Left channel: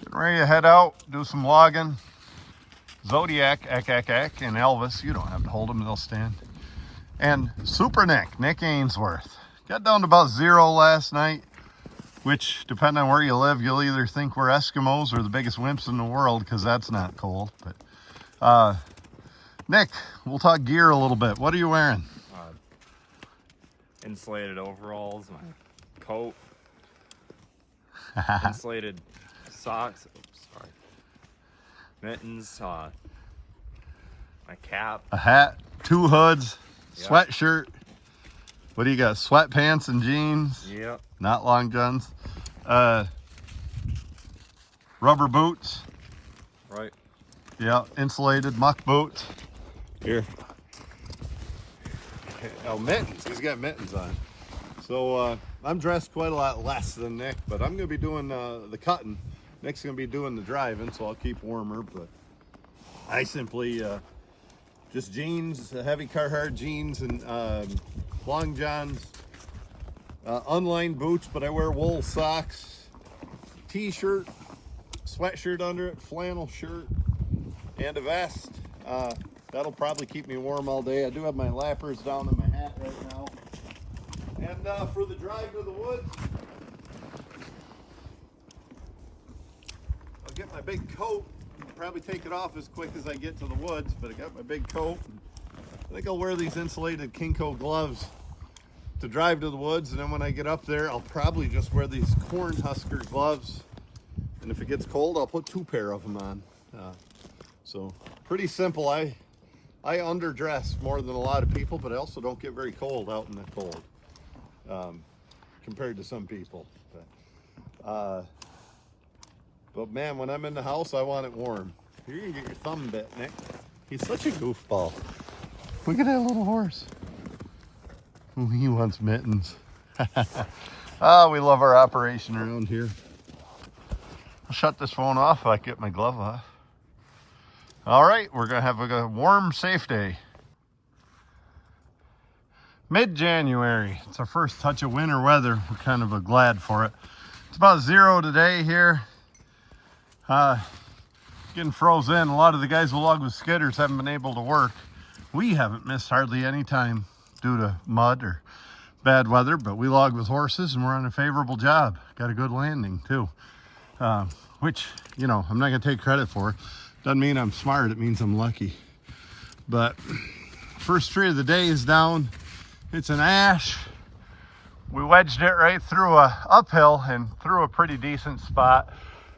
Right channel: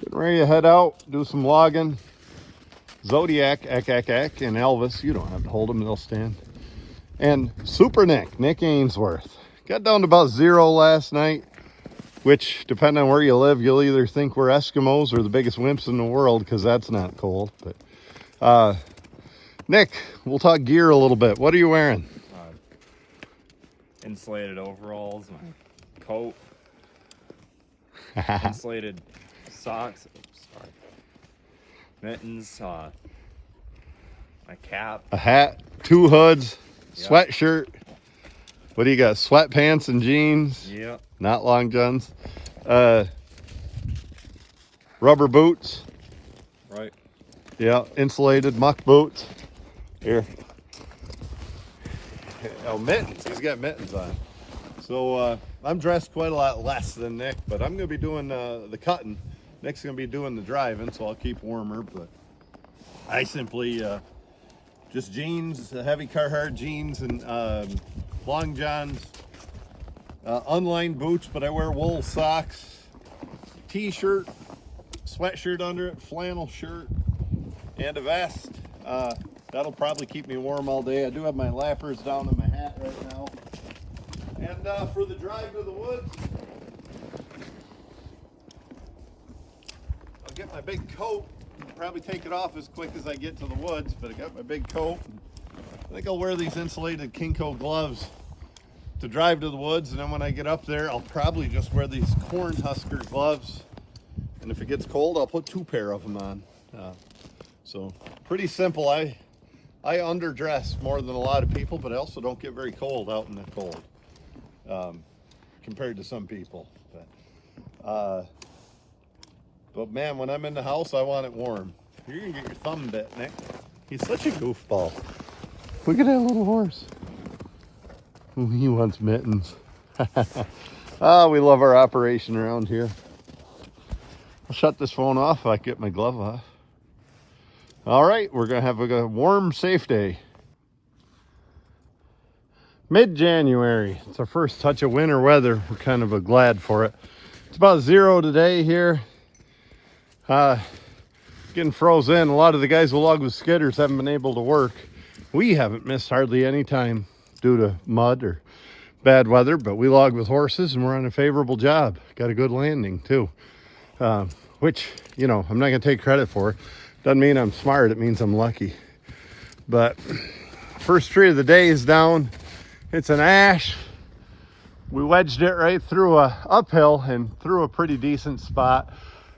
Getting ready to head out, do some logging. Zodiac, and Elvis, you don't have to hold them, they'll stand. And Super Nick Ainsworth. Got down to about 0 last night, which, depending on where you live, you'll either think we're Eskimos or the biggest wimps in the world, because that's not cold. But Nick, we'll talk gear a little bit. What are you wearing? Insulated overalls, my coat, insulated socks, mittens, my cap, A hat, 2 hoods, yep. Sweatshirt. What do you got? Sweatpants and jeans? Yep. Not long johns. Rubber boots. Right. Yeah, insulated muck boots. Here. Oh, mittens. He's got mittens on. So I'm dressed quite a lot less than Nick, but I'm going to be doing the cutting. Nick's going to be doing the driving, so I'll keep warmer. But I simply just jeans, heavy Carhartt jeans, and long johns, unlined boots, but I wear wool socks, t-shirt, sweatshirt under it, flannel shirt, and a vest. That'll probably keep me warm all day. I do have my lappers down in my hat right now. And for the drive to the woods, I'll get my big coat. I'll probably take it off as quick as I get to the woods, but I got my big coat. I think I'll wear these insulated Kinko gloves to drive to the woods, and then when I get up there, I'll probably just wear these corn husker gloves. And if it gets cold, I'll put 2 pair of them on. So pretty simple. I underdress more than a lot of people, but I also don't get very cold out in the cold compared to some people. But man, when I'm in the house, I want it warm. You're gonna get your thumb bit, Nick. He's such a goofball. Look at that little horse. Ooh, he wants mittens. We love our operation around here. I'll shut this phone off if I get my glove off. All right, we're gonna have a warm, safe day. Mid-January, it's our first touch of winter weather. We're kind of glad for it. It's about 0 today here. Getting frozen. A lot of the guys who log with skidders haven't been able to work. We haven't missed hardly any time due to mud or bad weather, but we log with horses and we're on a favorable job. Got a good landing too, which, you know, I'm not gonna take credit for. Doesn't mean I'm smart, it means I'm lucky. But first tree of the day is down. It's an ash. We wedged it right through a uphill and through a pretty decent spot.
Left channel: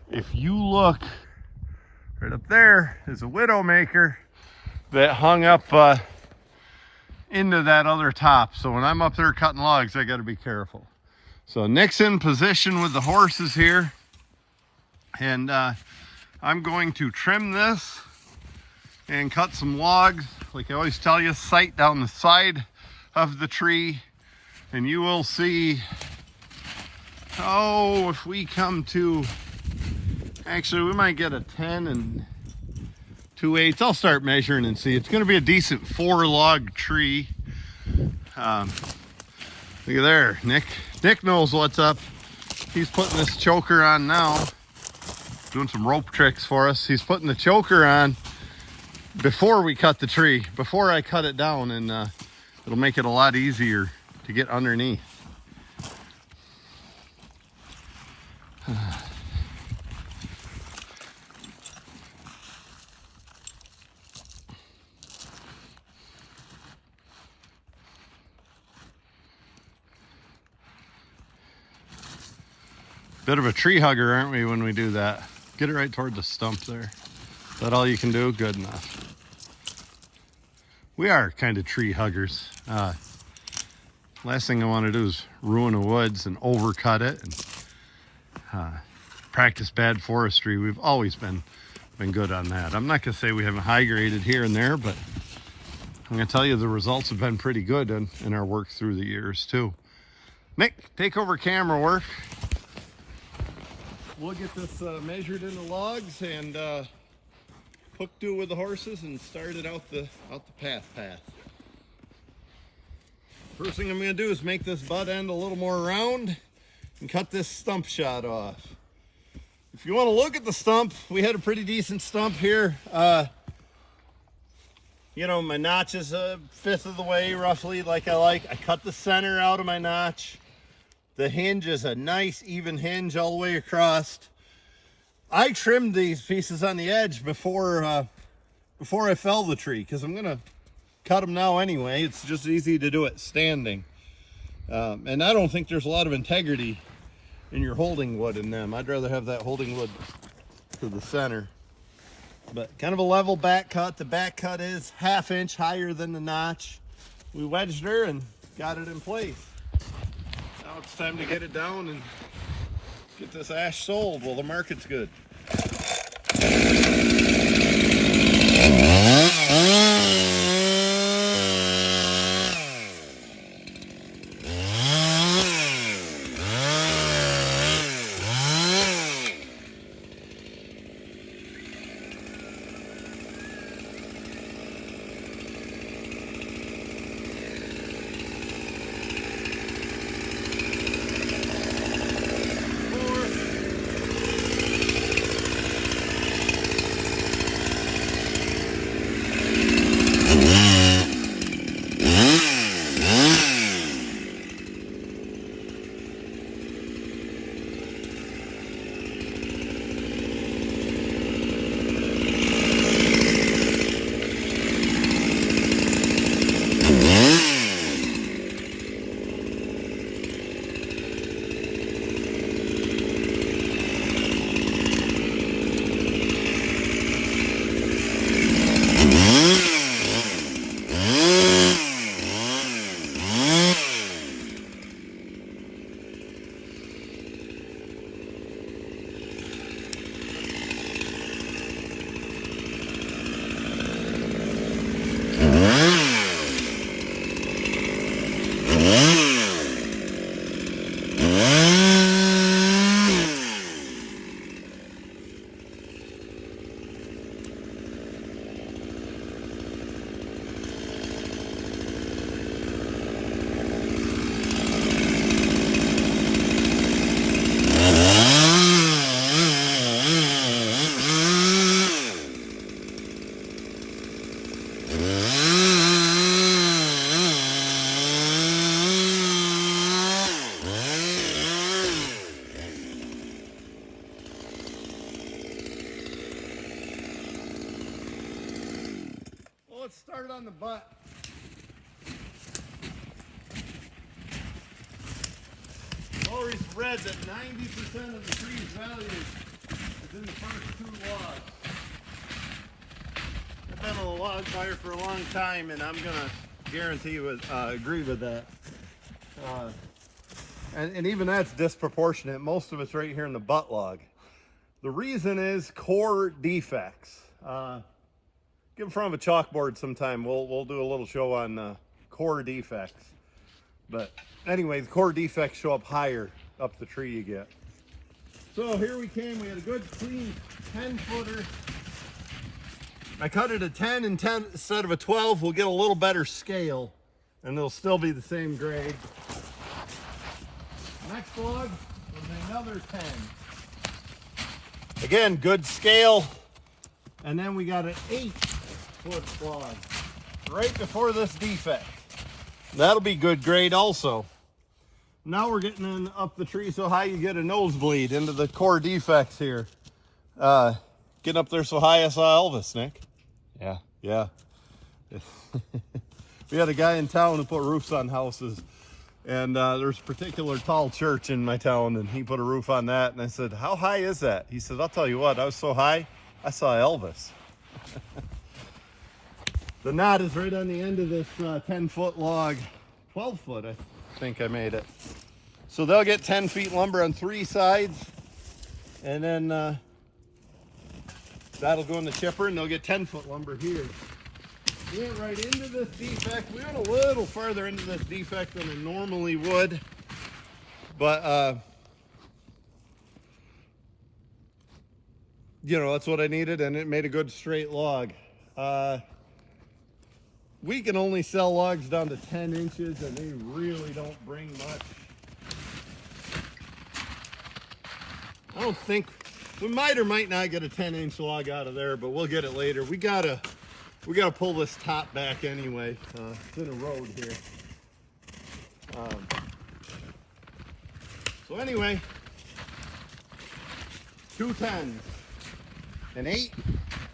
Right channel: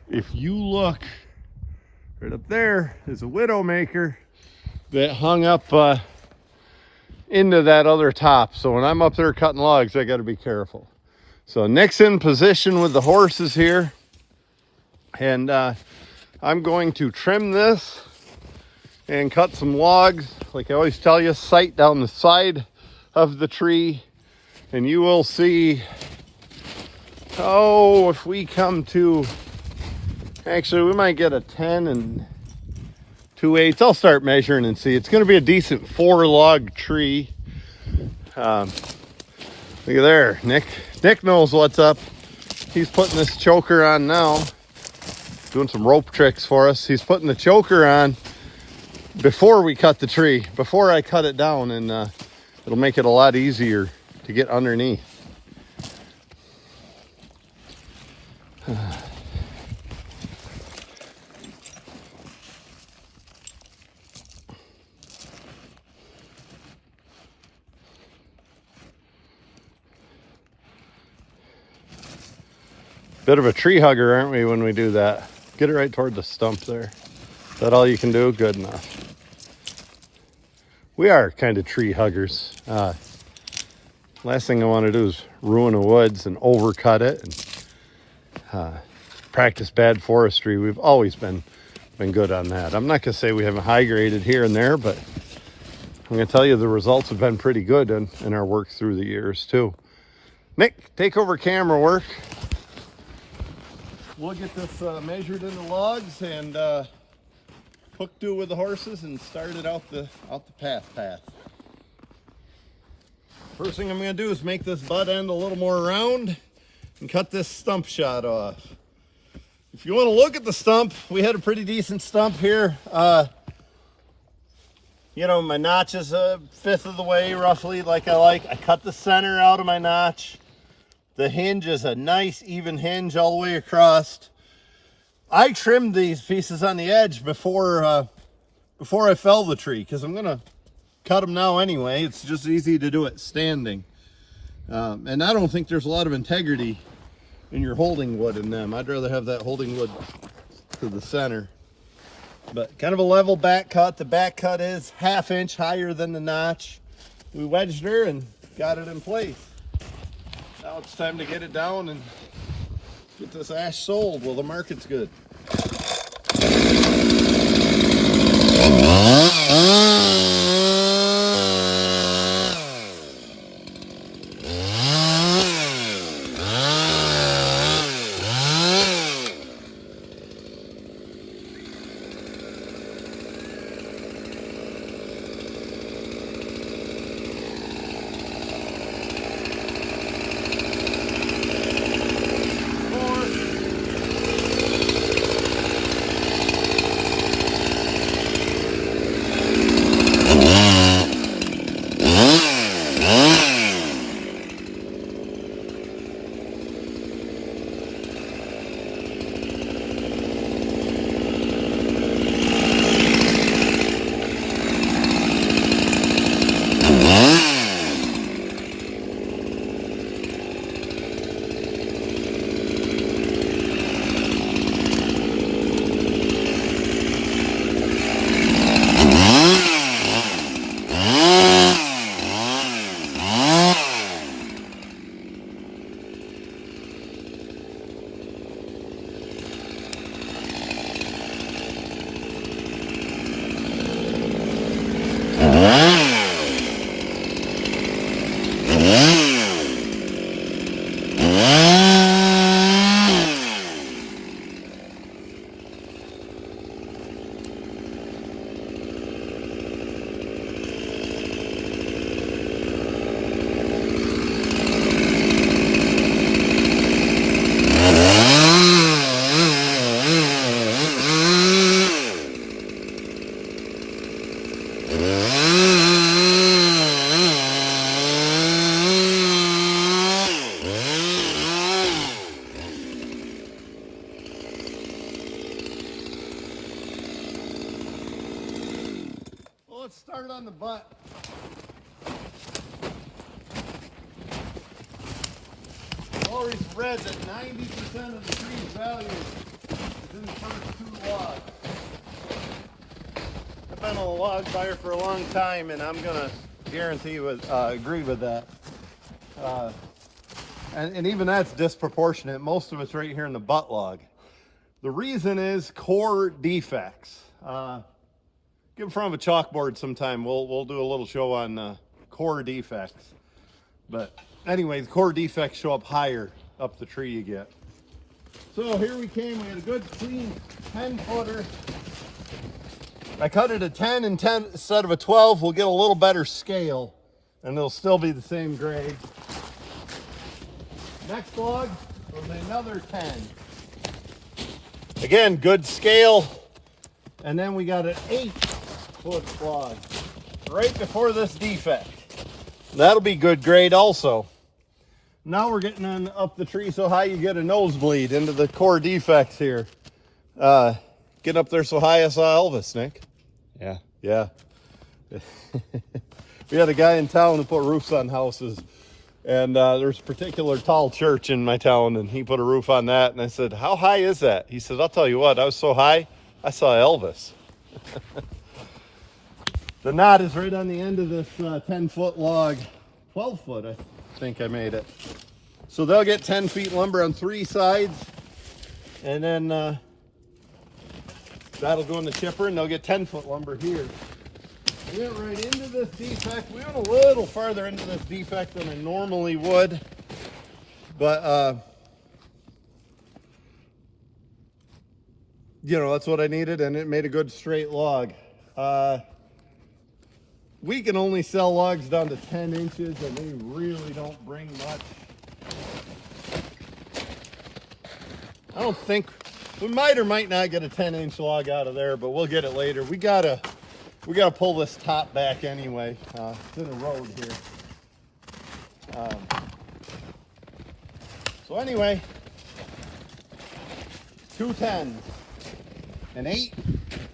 If you look right up there, there's a widowmaker that hung up into that other top. So when I'm up there cutting logs, I got to be careful. So Nick's in position with the horses here, and I'm going to trim this and cut some logs. Like I always tell you, sight down the side of the tree, and you will see. Oh, if we come to, actually we might get a 10 2/8. I'll start measuring and see. It's going to be a decent 4 log tree. Look at there, Nick knows what's up. He's putting this choker on now, doing some rope tricks for us. He's putting the choker on before we cut the tree, before I cut it down, and it'll make it a lot easier to get underneath. Bit of a tree hugger, aren't we, when we do that? Get it right toward the stump there. Is that all you can do? Good enough. We are kind of tree huggers. Last thing I want to do is ruin the woods and overcut it and practice bad forestry. We've always been good on that. I'm not going to say we haven't high graded here and there, but I'm going to tell you the results have been pretty good in our work through the years too. Nick, take over camera work. We'll get this measured into logs and hook to with the horses and start it out the path. First thing I'm going to do is make this butt end a little more round and cut this stump shot off. if you want to look at the stump, we had a pretty decent stump here. You know, my notch is a fifth of the way roughly like I like. I cut the center out of my notch. The hinge is a nice even hinge all the way across. I trimmed these pieces on the edge before I fell the tree, because I'm gonna cut them now anyway. It's just easy to do it standing. And I don't think there's a lot of integrity in your holding wood in them. I'd rather have that holding wood to the center. But kind of a level back cut. The back cut is 1/2 inch higher than the notch. We wedged her and got it in place. Now it's time to get it down and get this ash sold while the market's good. Let's start on the butt. Always read that 90% of the tree's value is in the first 2 logs. I've been a log buyer for a long time, and I'm gonna guarantee agree with that. And even that's disproportionate. Most of it's right here in the butt log. The reason is core defects. Get in front of a chalkboard sometime. We'll do a little show on core defects. But anyway, the core defects show up higher up the tree you get. So here we came. We had a good clean 10-footer. I cut it a 10 and 10 instead of a 12. We'll get a little better scale, and it'll still be the same grade. Next log was another 10. Again, good scale. And then we got an 8-foot log right before this defect. That'll be good grade also. Now we're getting on up the tree so high you get a nosebleed into the core defects here. Getting up there so high I saw Elvis, Nick. Yeah. We had a guy in town who put roofs on houses. And there's a particular tall church in my town, and he put a roof on that. And I said, how high is that? He said, I'll tell you what, I was so high, I saw Elvis. The knot is right on the end of this 10-foot log. 12-foot, I think I made it. So they'll get 10 feet lumber on 3 sides. And then that'll go in the chipper, and they'll get 10-foot lumber here. We went right into this defect. We went a little farther into this defect than I normally would. But, you know, that's what I needed, and it made a good straight log. We can only sell logs down to 10 inches, and they really don't bring much. I don't think We might or might not get a 10-inch log out of there, but we'll get it later. We gotta pull this top back anyway. It's in a road here. So anyway, 2 10s, an 8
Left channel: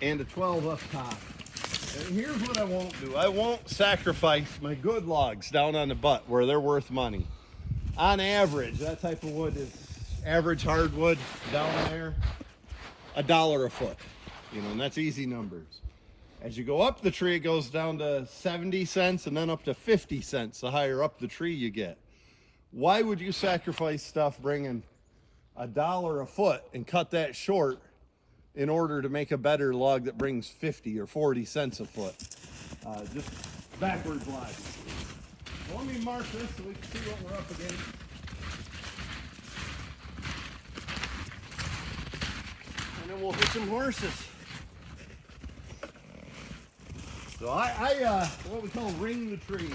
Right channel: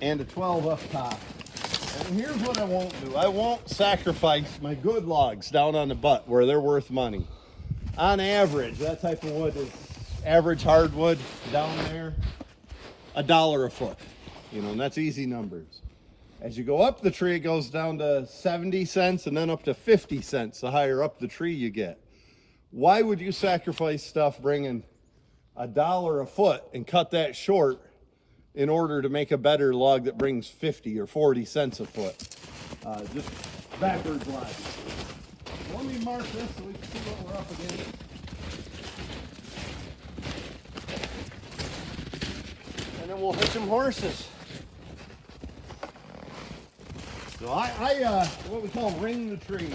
and a 12 up top. And here's what I won't do. I won't sacrifice my good logs down on the butt where they're worth money. On average, that type of wood is average hardwood down there, $1 a foot. You know, and that's easy numbers. As you go up the tree, it goes down to 70 cents and then up to 50 cents the higher up the tree you get. Why would you sacrifice stuff bringing $1 a foot and cut that short in order to make a better log that brings 50 or 40 cents a foot? Just backwards logic. Let me mark this so we can see what we're up against. And then we'll hit some horses. So I what we call ring the tree.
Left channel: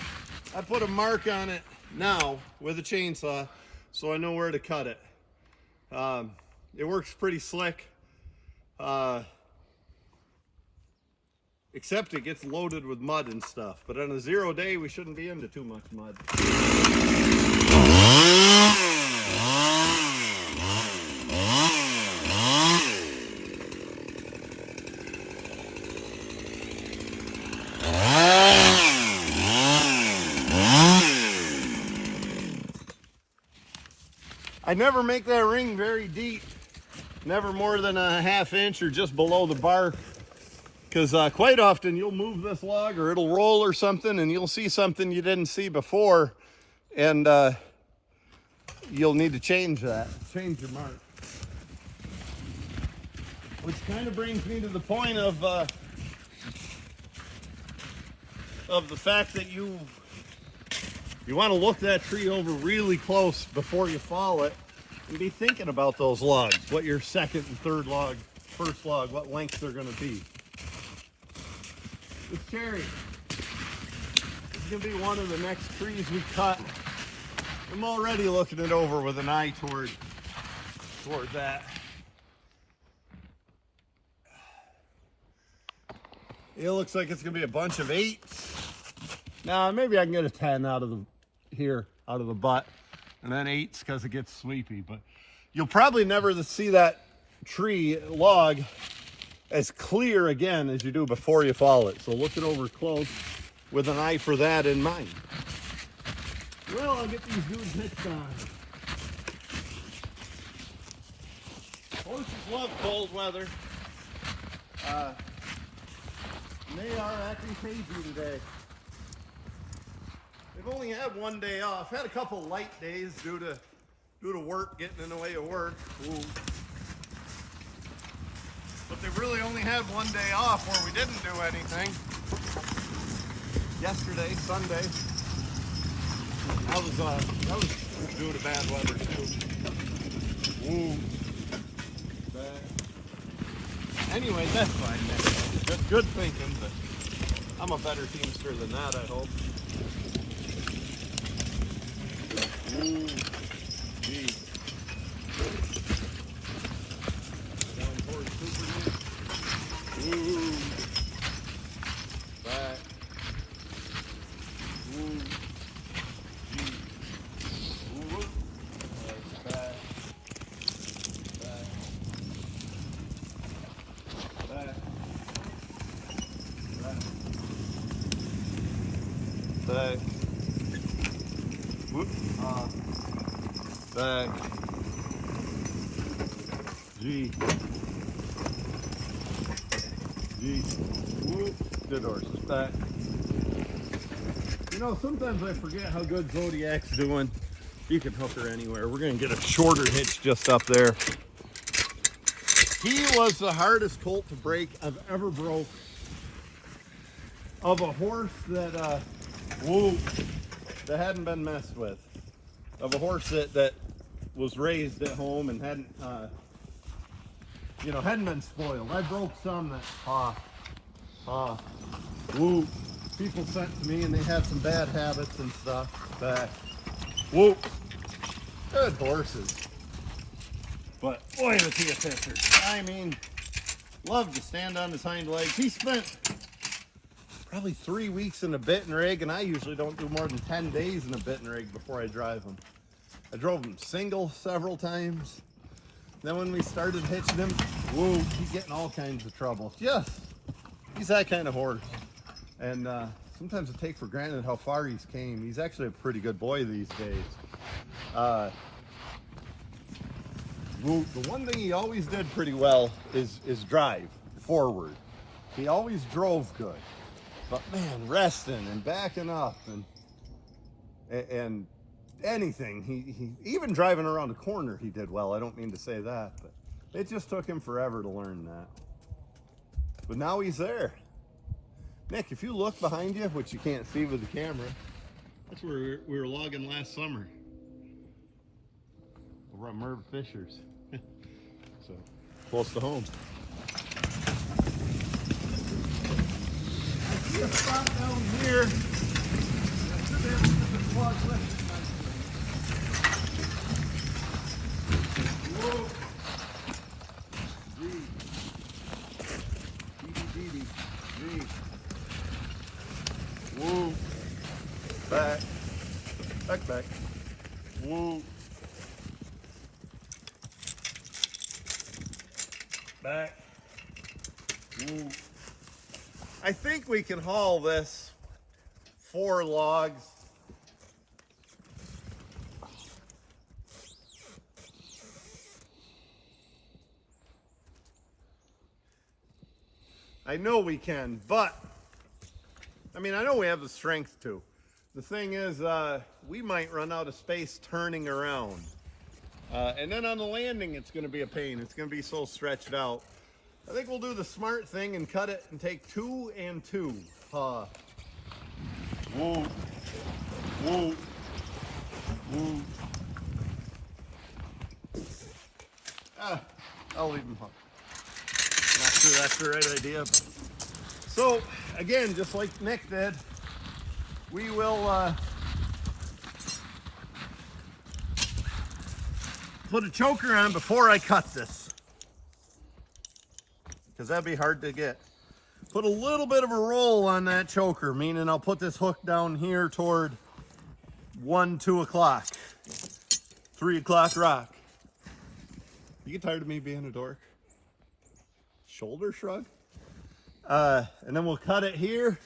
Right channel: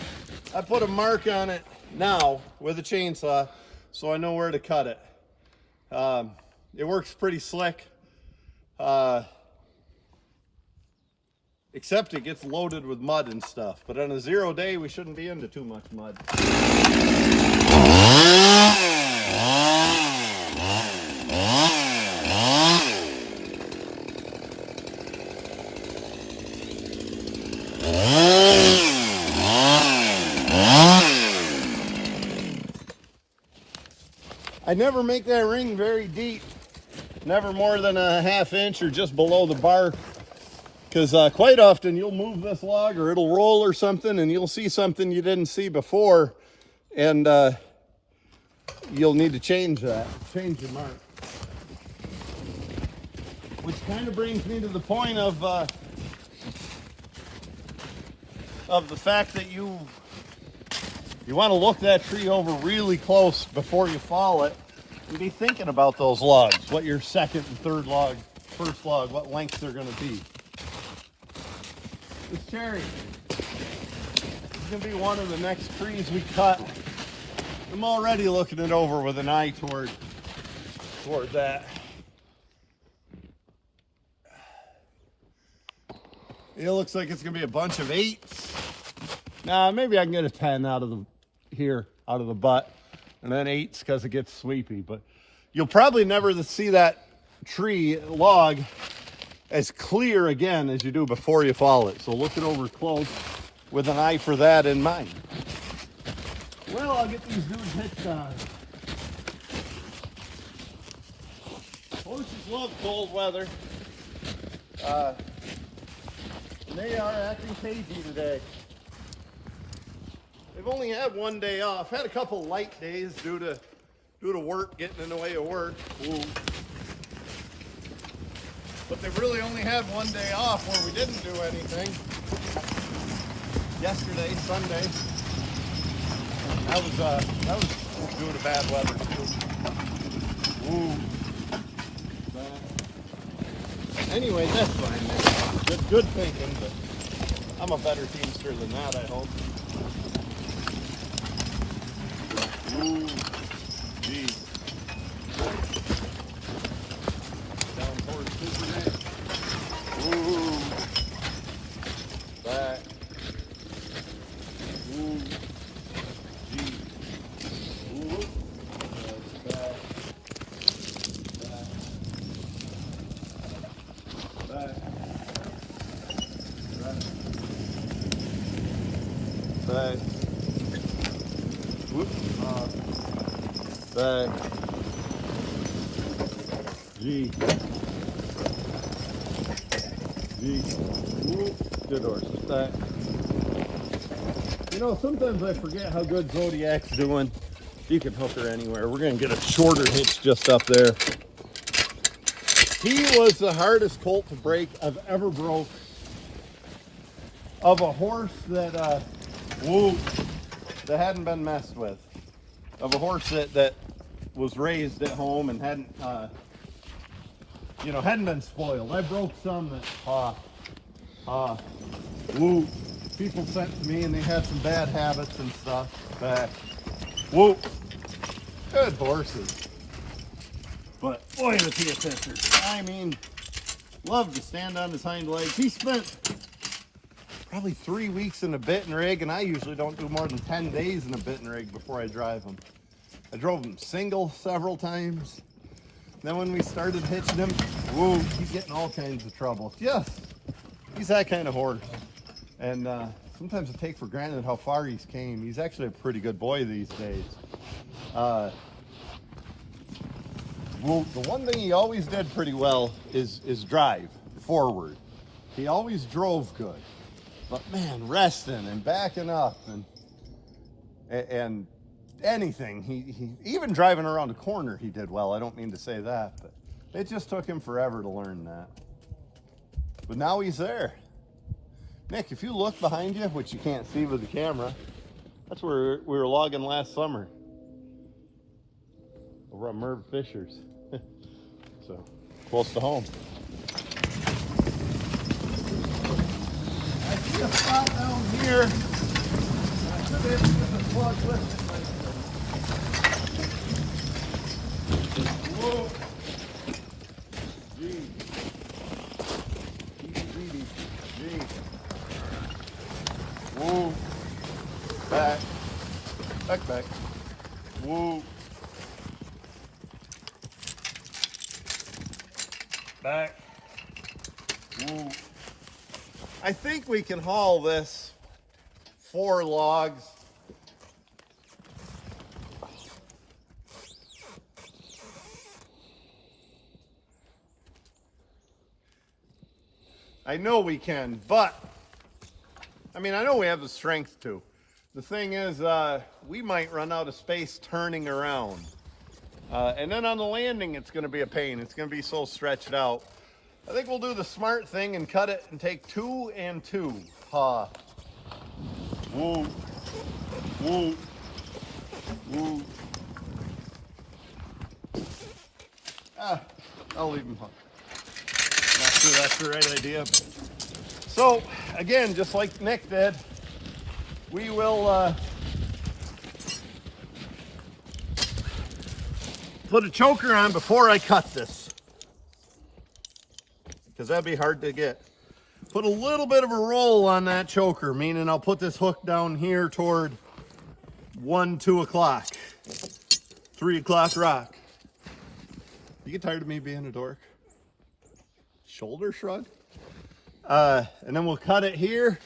I put a mark on it now with a chainsaw so I know where to cut it. It works pretty slick. Except it gets loaded with mud and stuff. But on a 0 day, we shouldn't be into too much mud. I never make that ring very deep. Never more than a 1/2 inch or just below the bark. Because quite often you'll move this log or it'll roll or something and you'll see something you didn't see before, and you'll need to change that, change the mark. Which kind of brings me to the point of the fact that you want to look that tree over really close before you fall it and be thinking about those logs, what your second and third log, first log, what length they're going to be. This cherry is going to be one of the next trees we cut. I'm already looking it over with an eye toward that. It looks like it's going to be a bunch of 8s. Now, maybe I can get a 10 out of the butt, and then 8s because it gets sweepy. But you'll probably never see that tree log as clear again as you do before you fall it. So look it over close with an eye for that in mind. Well, I'll get these dudes hitched on. Horses love cold weather. And they are acting cagey today. They've only had 1 day off. Had a couple light days due to work getting in the way of work. Ooh. But they've really only had 1 day off where we didn't do anything. Yesterday, Sunday. That was due to bad weather too. Ooh. Anyway, that's fine, man. Good thinking, but I'm a better teamster than that, I hope. Ooh, geez. Down towards Superman. Ooh. Back. Ooh. Geez. Ooh. Back. Back. Back. Back. Back. Whoop. Back. G. G. Whoop. Good horse. Back. You know, sometimes I forget how good Zodiac's doing. You can hook her anywhere. We're going to get a shorter hitch just up there. He was the hardest colt to break I've ever broke. Of a horse that, that hadn't been messed with. Of a horse that was raised at home and hadn't been spoiled. I broke some that, people sent to me and they had some bad habits and stuff. Back. Good horses. But boy, was he a pisser. I mean, loved to stand on his hind legs. He spent probably 3 weeks in a bit and rig, and I usually don't do more than 10 days in a bit and rig before I drive him. I drove him single several times. Then when we started hitching him, whoa, he's getting all kinds of trouble. Yes, he's that kind of horse. And sometimes I take for granted how far he's came. He's actually a pretty good boy these days. Well, the one thing he always did pretty well is drive forward. He always drove good. But man, resting and backing up and anything, he even driving around a corner he did well. I don't mean to say that, but it just took him forever to learn that. But now he's there. Nick, if you look behind you, which you can't see with the camera, that's where we were logging last summer. Over at Merv Fisher's. So, close to home. I see a spot down here, and I should have to plug with it. Whoa. Gee. Gee. Whoa. Back. Back. Whoa. Back. Woo. I think we can haul this 4 logs. I know we can, but I mean, I know we have the strength to. The thing is, we might run out of space turning around. And then on the landing, it's going to be a pain. It's going to be so stretched out. I think we'll do the smart thing and cut it and take 2 and 2. Ha. Woo. Woo. Woo. I'll leave him hooked. Not sure that's the right idea. But. So, again, just like Nick did, we will put a choker on before I cut this, because that'd be hard to get. Put a little bit of a roll on that choker, meaning I'll put this hook down here toward 1, 2 o'clock, 3 o'clock rock. You get tired of me being a dork? Shoulder shrug? And then we'll cut it here,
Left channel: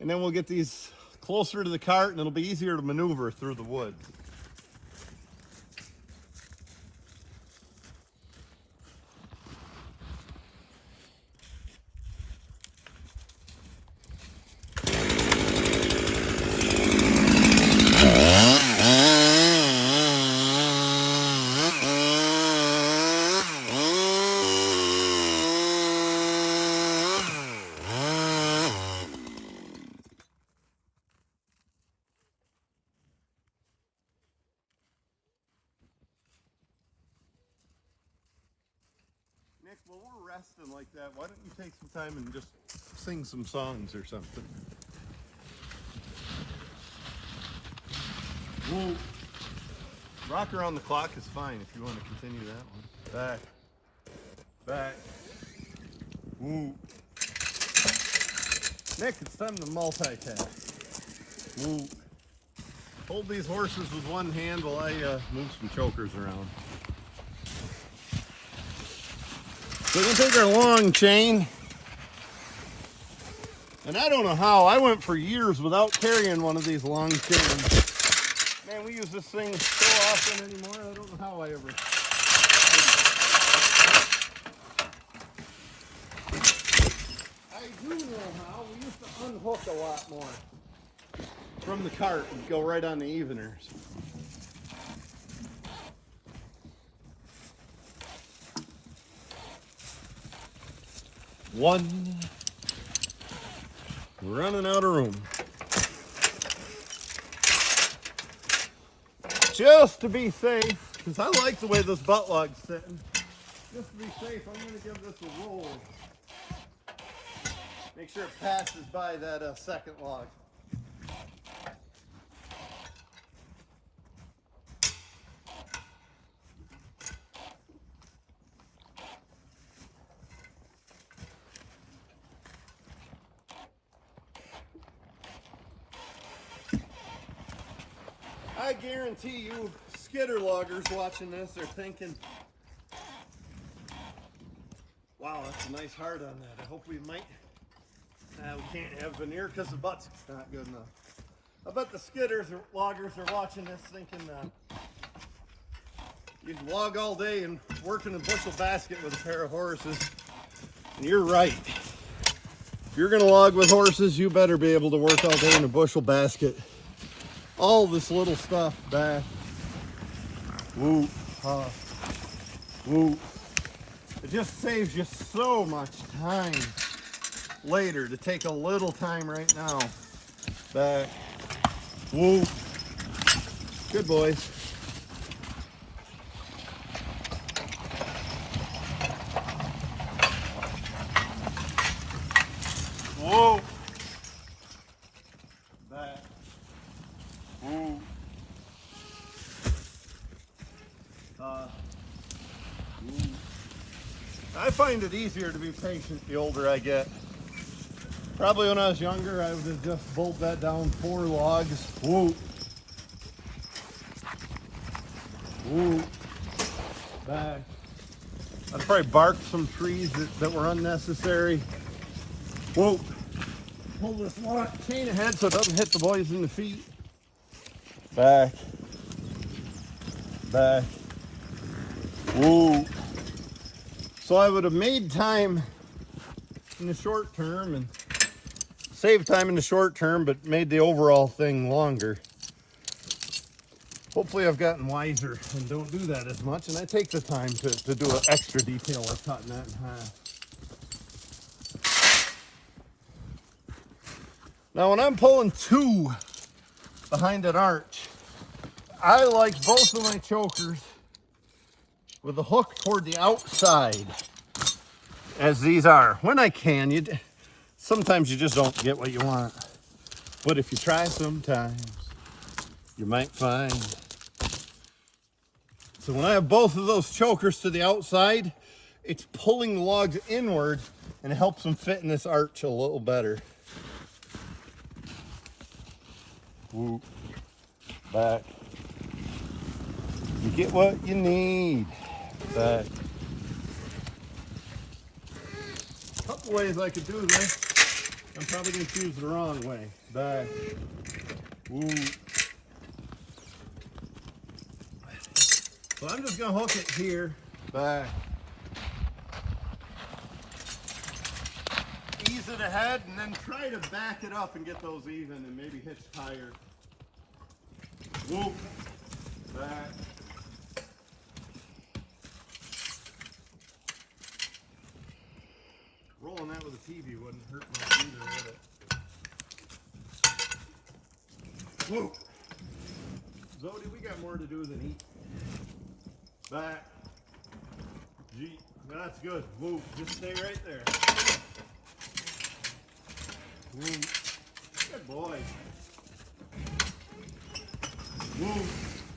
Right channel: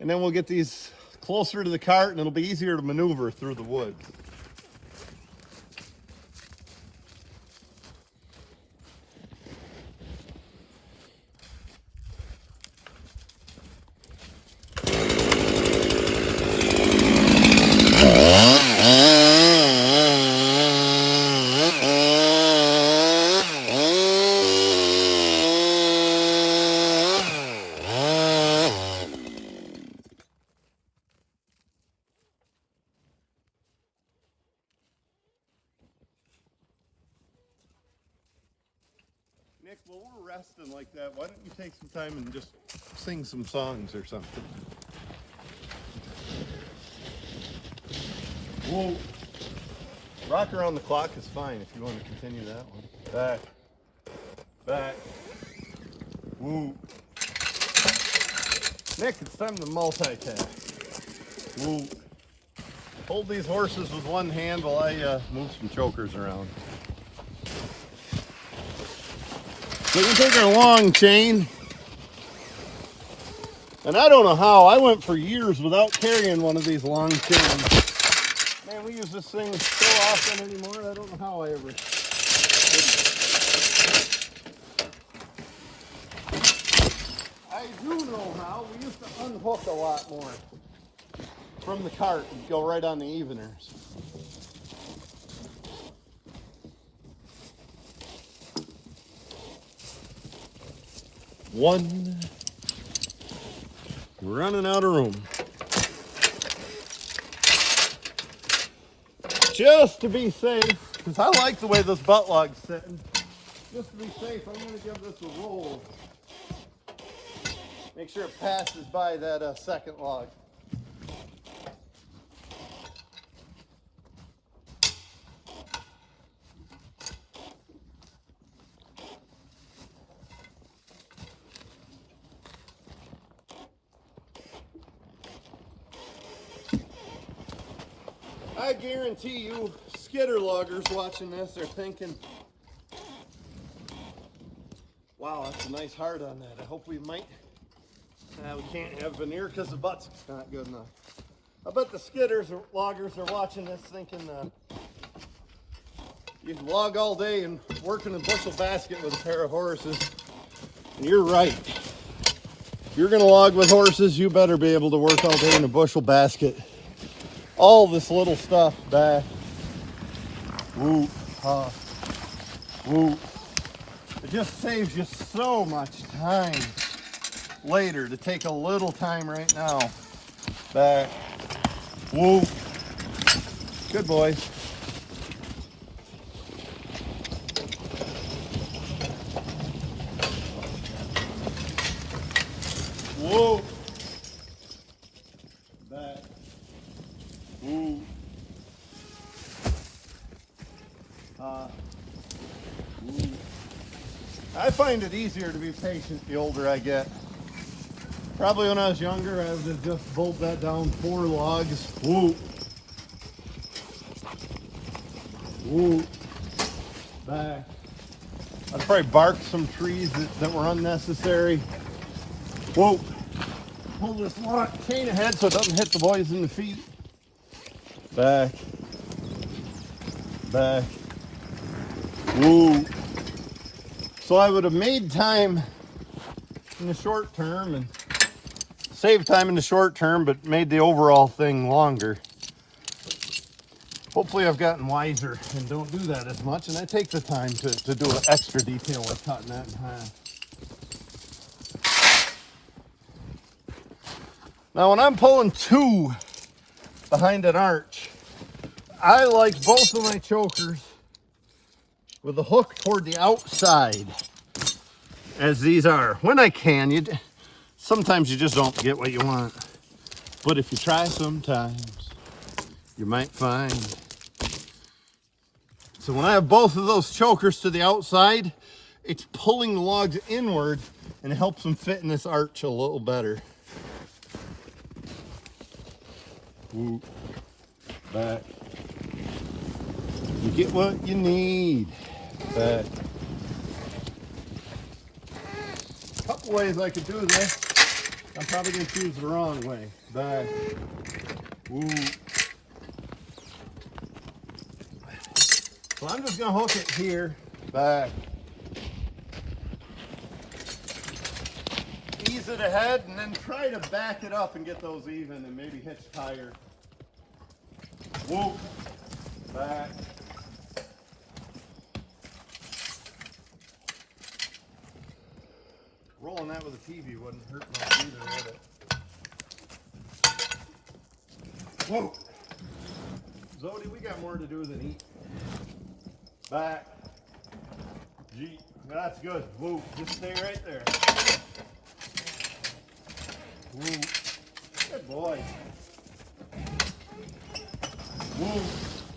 and then we'll get these closer to the cart, and it'll be easier to maneuver through the woods. Nick, while we're resting like that, why don't you take some time and just sing some songs or something? Whoa. Rock around the clock is fine if you want to continue that one. Back. Back. Woo. Nick, it's time to multitask. Woo. Hold these horses with one hand while I move some chokers around. So we're gonna take our long chain, and I don't know how, I went for years without carrying one of these long chains. Man, we use this thing so often anymore, I don't know how I ever did it. I do know how, we used to unhook a lot more from the cart and go right on the eveners. One. We're running out of room. Just to be safe, because I like the way this butt log's sitting. Just to be safe, I'm going to give this a roll. Make sure it passes by that second log. I guarantee you, Skitter loggers watching this are thinking, wow, that's a nice heart on that. I hope we might. We can't have veneer because the butt's not good enough. I bet the Skitters or loggers are watching this thinking, you can log all day and work in a bushel basket with a pair of horses. And you're right. If you're gonna log with horses, you better be able to work all day in a bushel basket. All this little stuff back. Woo, woo. It just saves you so much time later to take a little time right now. Back. Woo. Good boys. Whoa. Back. Woo. Woo. I find it easier to be patient the older I get. Probably when I was younger, I would have just bolted that down 4 logs. Woo. Woo. Back. I'd probably bark some trees that were unnecessary. Whoa. Pull this chain ahead so it doesn't hit the boys in the feet. Back. Back. Woo. So I would have made time in the short term and saved time in the short term, but made the overall thing longer. Hopefully I've gotten wiser and don't do that as much, and I take the time to do an extra detail like cutting that in half. Now when I'm pulling 2 behind an arch, I like both of my chokers with the hook toward the outside, as these are. When I can, sometimes you just don't get what you want. But if you try sometimes, you might find. So when I have both of those chokers to the outside, it's pulling the logs inward and it helps them fit in this arch a little better. Woo. Back. You get what you need. Back. Couple ways I could do this. I'm probably going to choose the wrong way. Back. Woo. So I'm just going to hook it here. Back. Ease it ahead and then try to back it up and get those even and maybe hitch higher. Woo. Back. Rolling that with a TV wouldn't hurt much either, would it? Whoa. Zodi, we got more to do than eat. Back. Gee, that's good. Woo. Just stay right there. Woo. Good boy. Woo.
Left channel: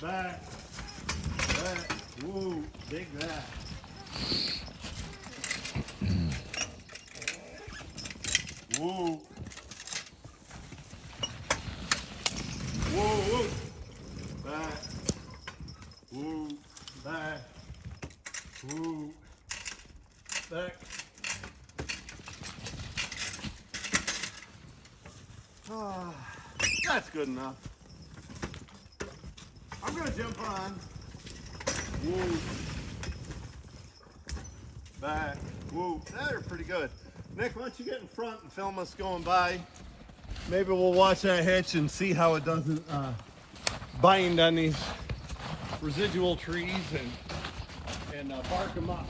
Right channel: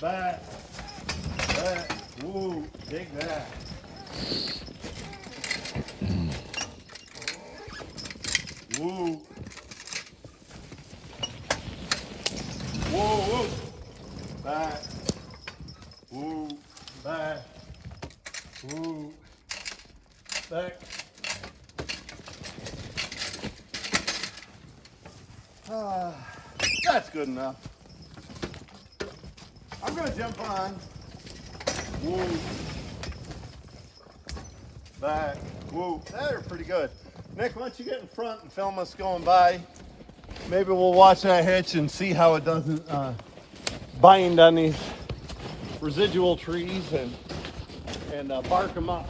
Back. Back. Woo. Dig that. Woo. Woo, woo. Back. Woo. Back. Woo. Back. That's good enough. I'm going to jump on. Woo. Back. Woo. They're pretty good. Nick, why don't you get in front and film us going by? Maybe we'll watch that hitch and see how it doesn't bind on these residual trees and bark them up.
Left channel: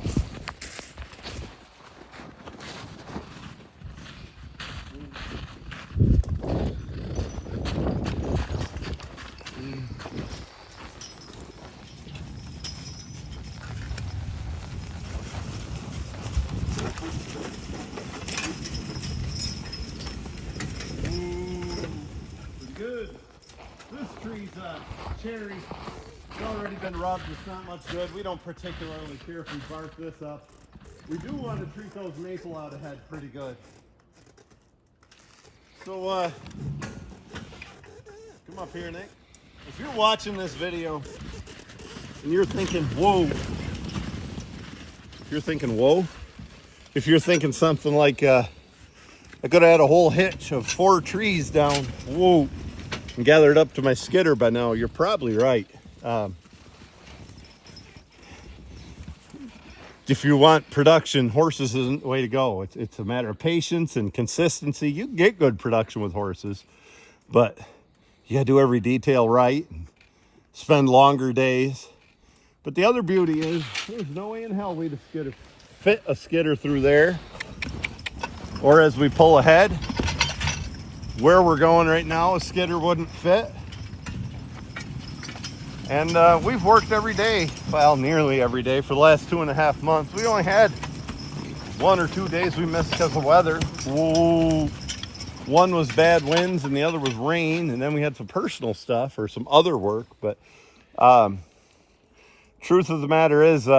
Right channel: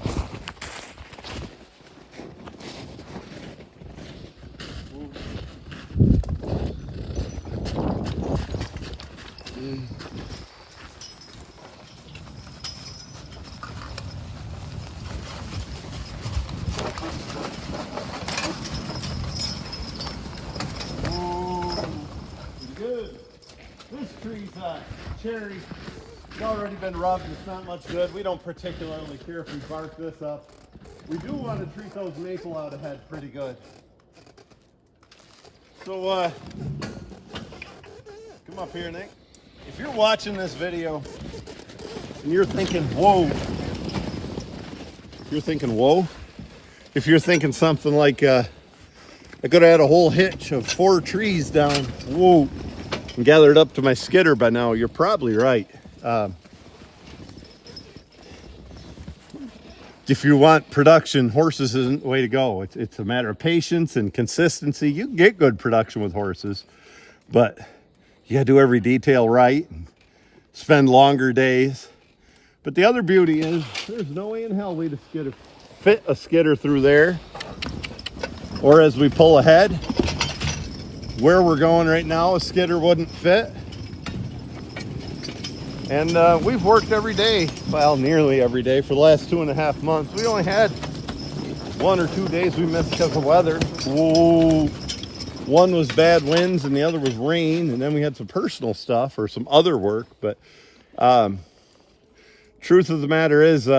Good. This tree's cherry. It's already been rubbed. It's not much good. We don't particularly care if we bark this up. We do want to treat those maple out ahead pretty good. So, come up here, Nick. If you're watching this video and you're thinking, whoa, if you're thinking something like, I could have had a whole hitch of 4 trees down, whoa, and gathered up to my Skitter by now, you're probably right. If you want production, horses isn't the way to go. It's a matter of patience and consistency. You can get good production with horses, but you gotta do every detail right and spend longer days. But the other beauty is there's no way in hell we'd fit a Skitter through there, or as we pull ahead, where we're going right now, a Skitter wouldn't fit. And we've worked every day, well, nearly every day for the last 2.5 months. We only had 1 or 2 days we missed because of weather. Whoa. One was bad winds and the other was rain, and then we had some personal stuff or some other work. But truth of the matter is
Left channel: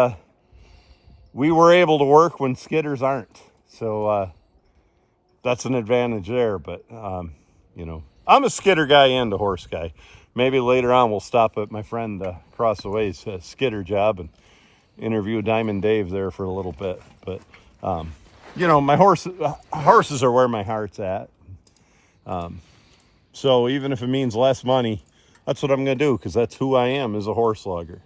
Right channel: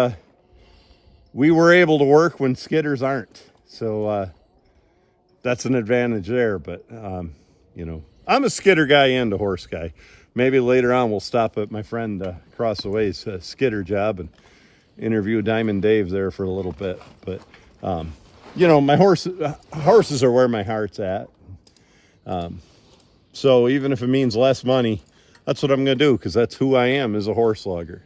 we were able to work when Skitters aren't. So that's an advantage there. But, you know, I'm a Skitter guy and a horse guy. Maybe later on we'll stop at my friend across the way's Skitter job and interview Diamond Dave there for a little bit. But, you know, my horses are where my heart's at. So even if it means less money, that's what I'm going to do, because that's who I am, as a horse logger.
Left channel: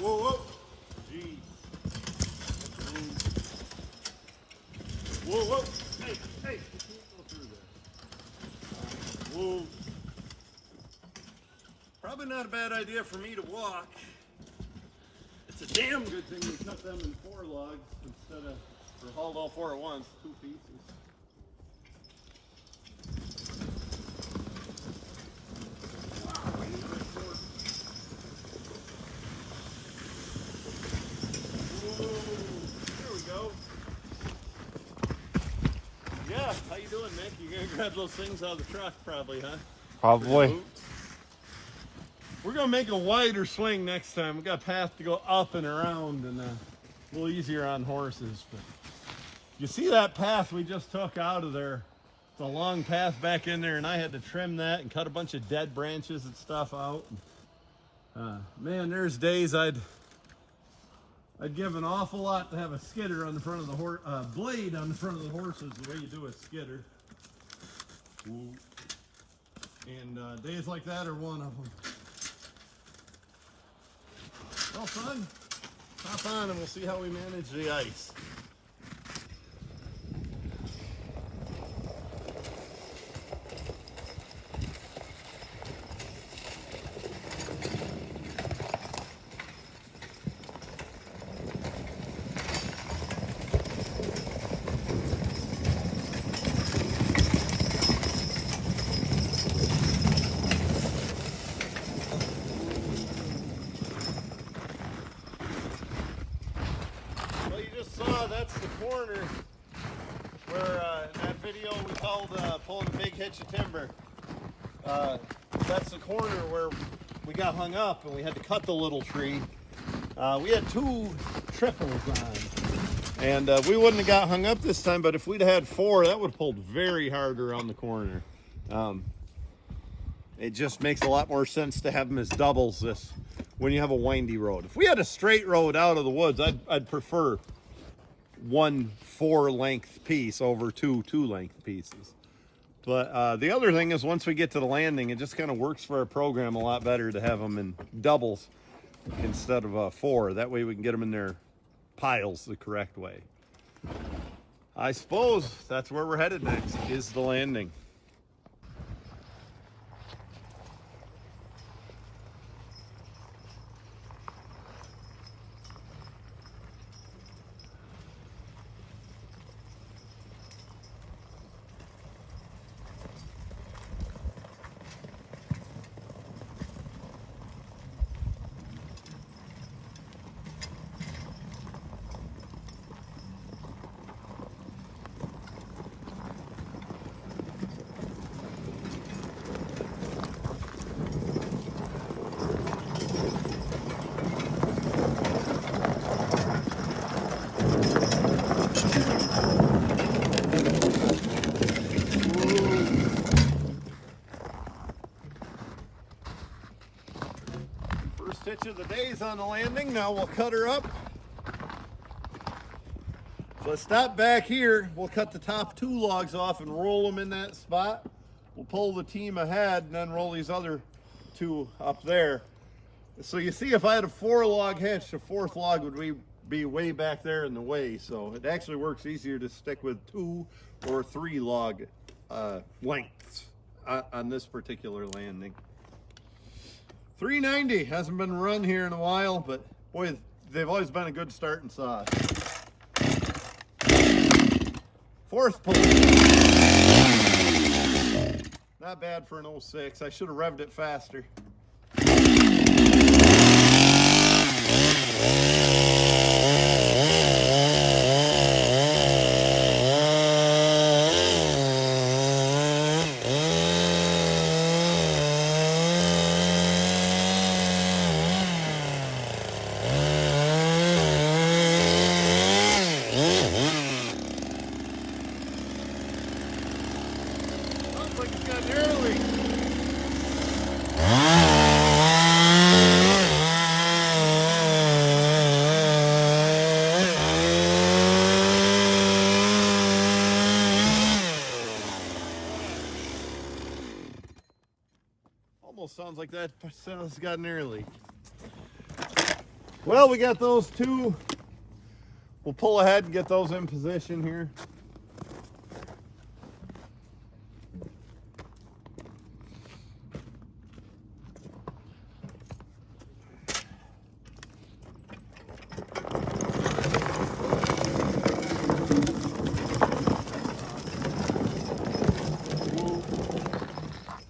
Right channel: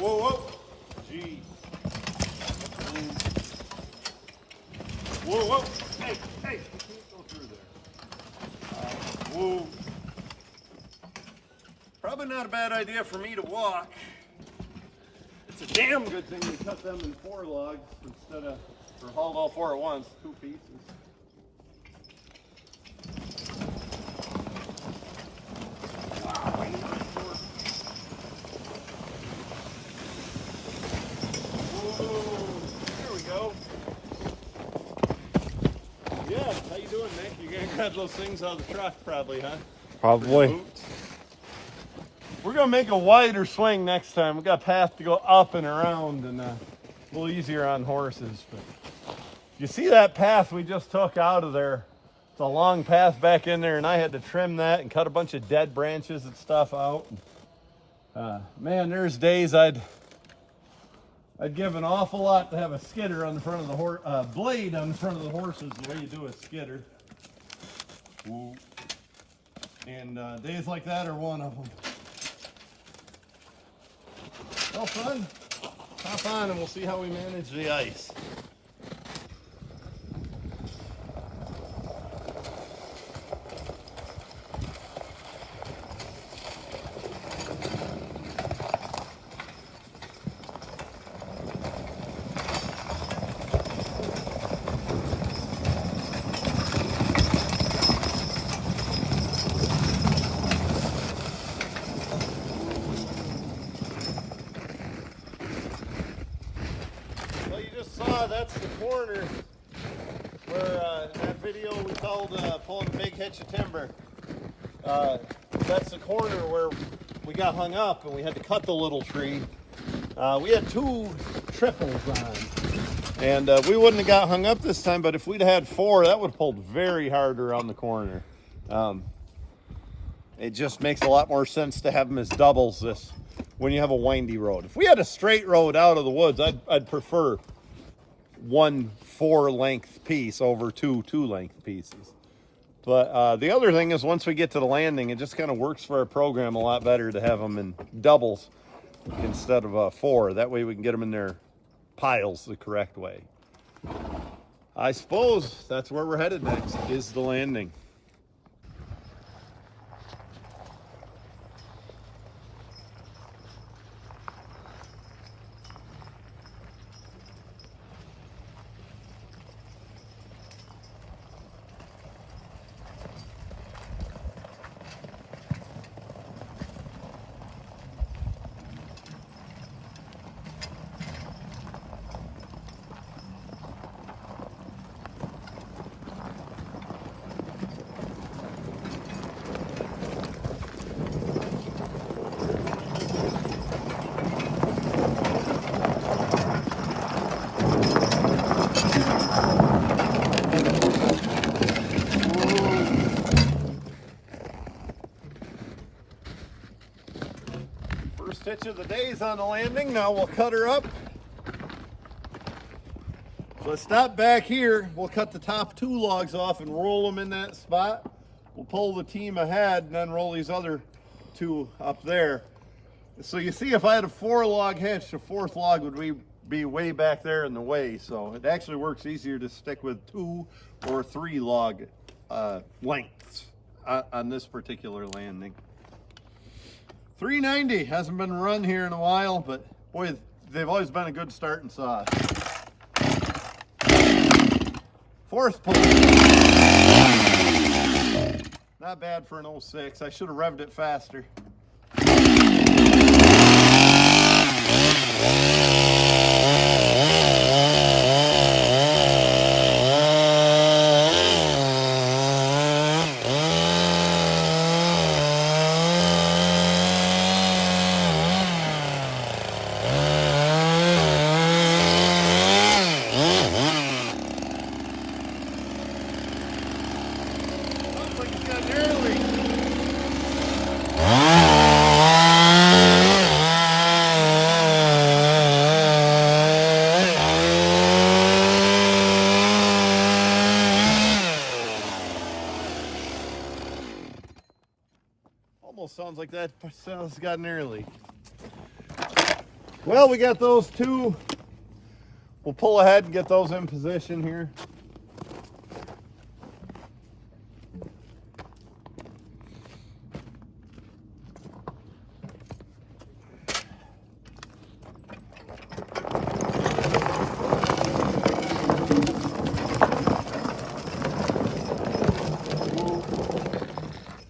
Whoa, whoa. Gee. Whoa, whoa. Hey, hey. You can't go through there. Whoa. Probably not a bad idea for me to walk. It's a damn good thing we cut them in 4 logs instead of, or hauled all 4 at once, 2 pieces. Yeah, how you doing, Nick? You gonna grab those things out of the truck probably, huh? Probably. We're gonna make a wider swing next time. We got a path to go up and around, and a little easier on horses. But you see that path we just took out of there? It's a long path back in there, and I had to trim that and cut a bunch of dead branches and stuff out. Man, there's days I'd give an awful lot to have a Skitter on the front of the horse, blade on the front of the horses, the way you do a Skitter. Ooh. And days like that are one of them. Well, son, hop on and we'll see how we manage the ice. That's the corner where in that video we called pulling a big hitch of timber. That's the corner where we got hung up and we had to cut the little tree. We had 2 triples on, and we wouldn't have got hung up this time, but if we'd had 4, that would have pulled very hard around the corner. It just makes a lot more sense to have them as doubles when you have a windy road. If we had a straight road out of the woods, I'd prefer 1 4-length piece over 2 2-length pieces. But the other thing is, once we get to the landing, it just kind of works for our program a lot better to have them in doubles instead of 4. That way we can get them in their piles the correct way. I suppose that's where we're headed next, is the landing. First hitch of the day is on the landing. Now we'll cut her up. So I stop back here. We'll cut the top 2 logs off and roll them in that spot. We'll pull the team ahead and then roll these other 2 up there. So you see, if I had a 4-log hitch, the 4th log would be way back there in the way. So it actually works easier to stick with 2 or 3 log lengths on this particular landing. 390 hasn't been run here in a while, but boy, they've always been a good starting saw. 4th pull. Not bad for an 06. I should have revved it faster. Looks like it's got an air leak. Almost sounds like that sounds got an air leak. Well, we got those 2. We'll pull ahead and get those in position here.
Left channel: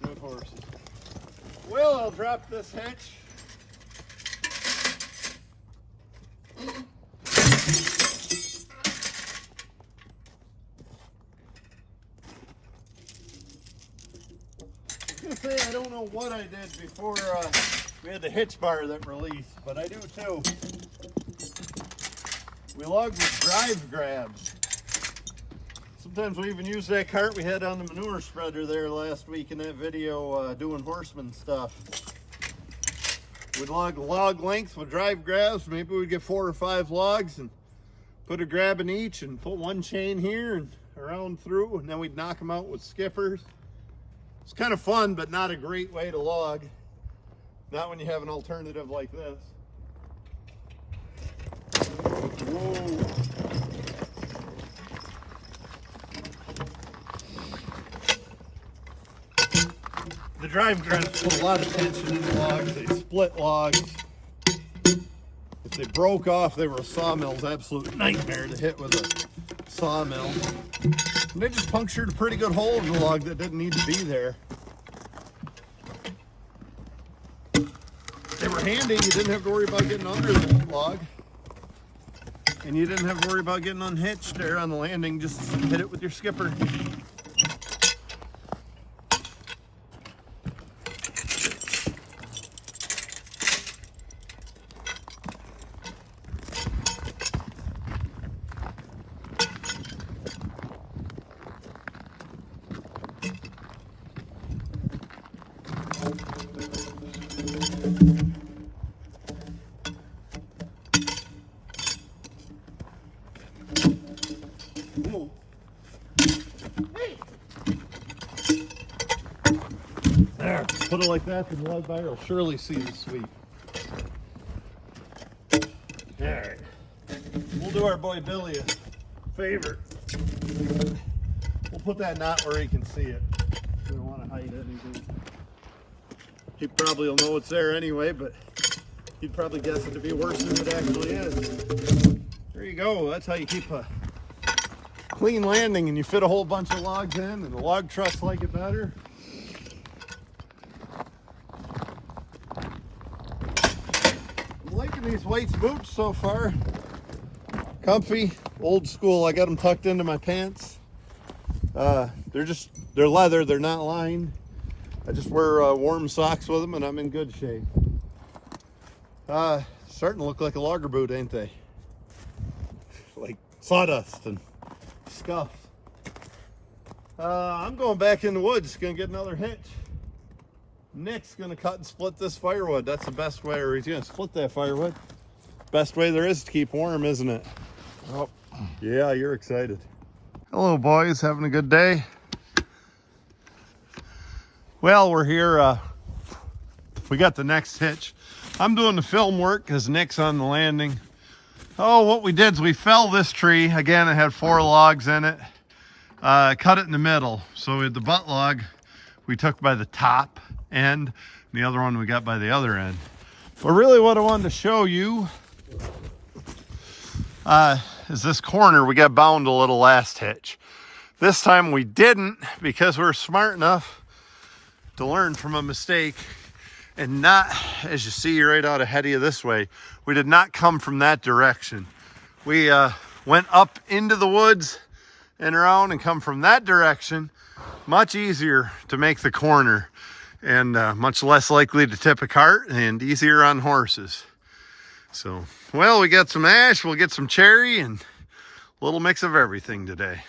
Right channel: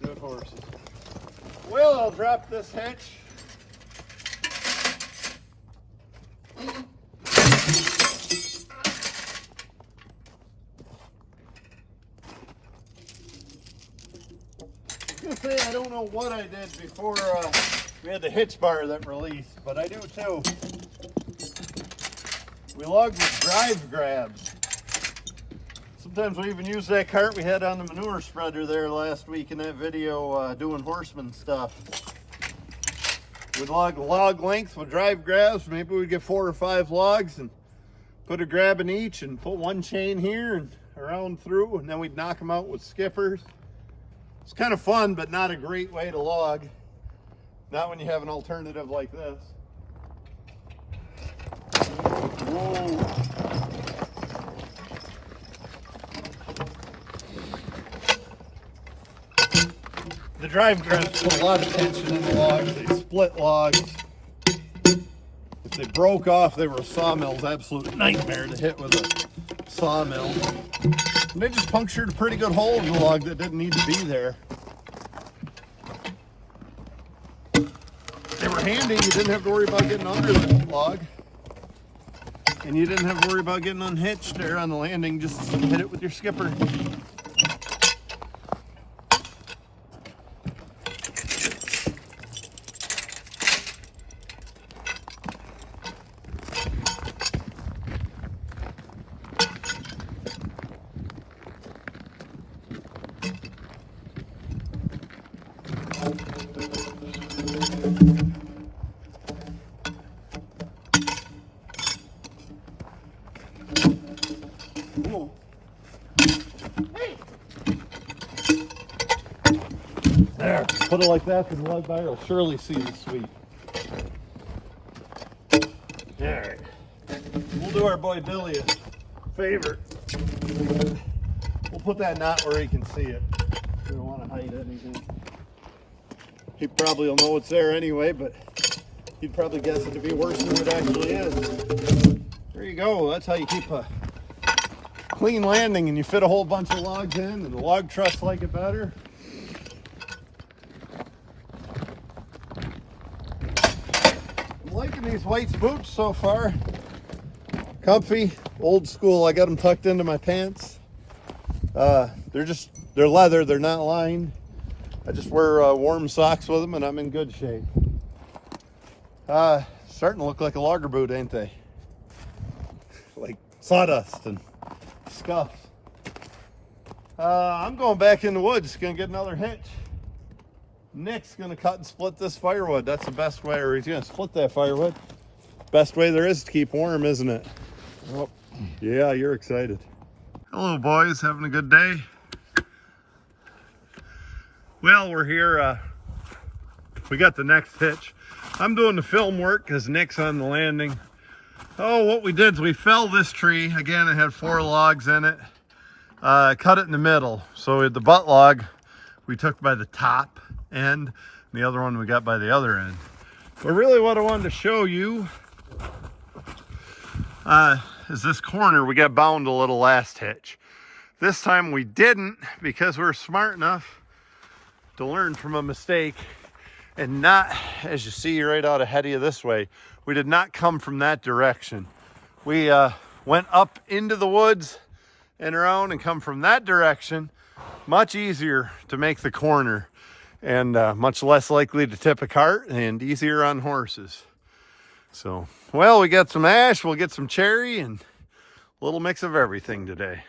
Good horses. Well, I'll drop this hitch. I was gonna say, I don't know what I did before we had the hitch bar that released, but I do too. We logged with drive grabs. Sometimes we even use that cart we had on the manure spreader there last week in that video doing horseman stuff. We'd log length with drive grabs. Maybe we'd get 4 or 5 logs and put a grab in each and put 1 chain here and around through, and then we'd knock them out with skippers. It's kind of fun, but not a great way to log. Not when you have an alternative like this. Whoa. The drive grabs put a lot of tension in the logs. They split logs. If they broke off, they were a sawmill's absolute nightmare to hit with a sawmill. And they just punctured a pretty good hole in the log that didn't need to be there. They were handy. You didn't have to worry about getting under the log. And you didn't have to worry about getting unhitched there on the landing. Just hit it with your skipper. Whoa. Hey. There, put it like that, and ride by, you'll surely see the sweep. All right, we'll do our boy Billy a favor. We'll put that knot where he can see it. We don't want to hide anything. He probably will know it's there anyway, but he'd probably guess it to be worse than it actually is. There you go. That's how you keep a clean landing, and you fit a whole bunch of logs in, and the log trucks like it better. I'm liking these White's boots so far. Comfy, old school. I got them tucked into my pants. They're leather, they're not lined. I just wear warm socks with them, and I'm in good shape. Starting to look like a logger boot, ain't they? Like sawdust and scuff. I'm going back in the woods, gonna get another hitch. Nick's gonna cut and split this firewood. That's the best way, or he's gonna split that firewood. Best way there is to keep warm, isn't it? Oh, yeah, you're excited. Hello, boys. Having a good day? Well, we're here. We got the next hitch. I'm doing the film work because Nick's on the landing. Oh, what we did is we fell this tree. Again, it had 4 logs in it. Cut it in the middle. So the butt log we took by the top end, and the other one we got by the other end. But really what I wanted to show you is this corner. We got bound a little last hitch. This time we didn't, because we were smart enough to learn from a mistake and not, as you see right out ahead of you this way, we did not come from that direction. We went up into the woods and around and come from that direction. Much easier to make the corner and much less likely to tip a cart and easier on horses. So, well, we got some ash, we'll get some cherry and a little mix of everything today.